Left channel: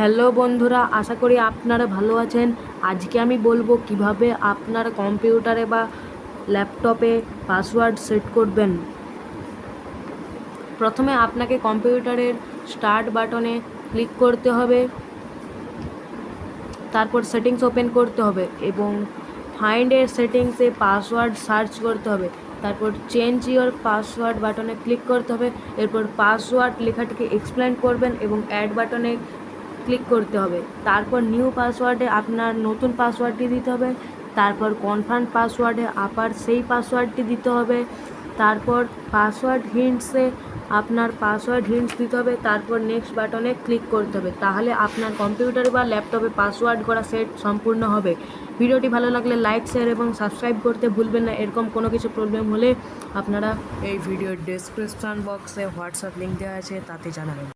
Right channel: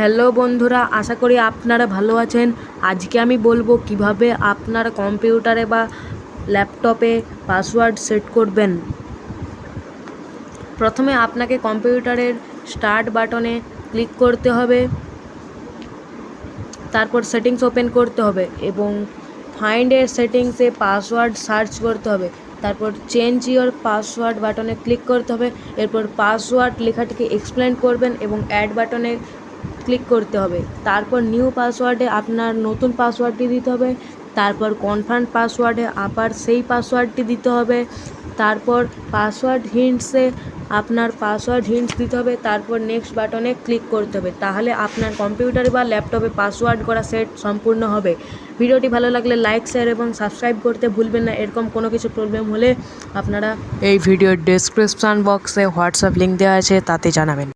Hello বন্ধুরা, আশা করি আপনারা ভালো আছেন। আজকে আমি বলবো কিভাবে আপনার কম্পিউটারে বা ল্যাপটপে পাসওয়ার্ড সেট করবেন। প্রথমে আপনাকে কম্পিউটারের স্টার্ট বাটনে ক্লিক করতে হবে, তারপর সেটিংস ওপেন করতে হবে এবং ফাইন্ডের সেটিংসে পাসওয়ার্ড সার্চ করতে হবে। তারপর চেঞ্জ ইওর পাসওয়ার্ড বাটনে ক্লিক করতে হবে। এরপর পাসওয়ার্ড লেখাটিকে এক্সপ্লেন করবেন এবং অ্যাড বাটনে ক্লিক করতে হবে। তারপর নিউ পাসওয়ার্ডে আপনার নতুন পাসওয়ার্ডটি দিতে হবে। তারপর কনফার্ম পাসওয়ার্ডে আবার সেই পাসওয়ার্ডটি দিতে হবে। তারপর পাসওয়ার্ড হিন্টসে আপনার পাসওয়ার্ড হিন্টস দিতে হবে। তারপর নেক্সট বাটনে ক্লিক করতে হবে। তাহলে আপনার কম্পিউটারে বা ল্যাপটপে পাসওয়ার্ড করা সেট সম্পূর্ণ হবে। ভিডিওটি ভালো লাগলে লাইক, শেয়ার এবং সাবস্ক্রাইব করতে ভুলবেন না। এরকম কোনো কিছু প্রবলেম হলে আপনারা এই ভিডিওর ডেসক্রিপশান বক্সে হোয়াটসঅ্যাপ লিঙ্ক দেওয়া আছে, তাতে জানাবেন।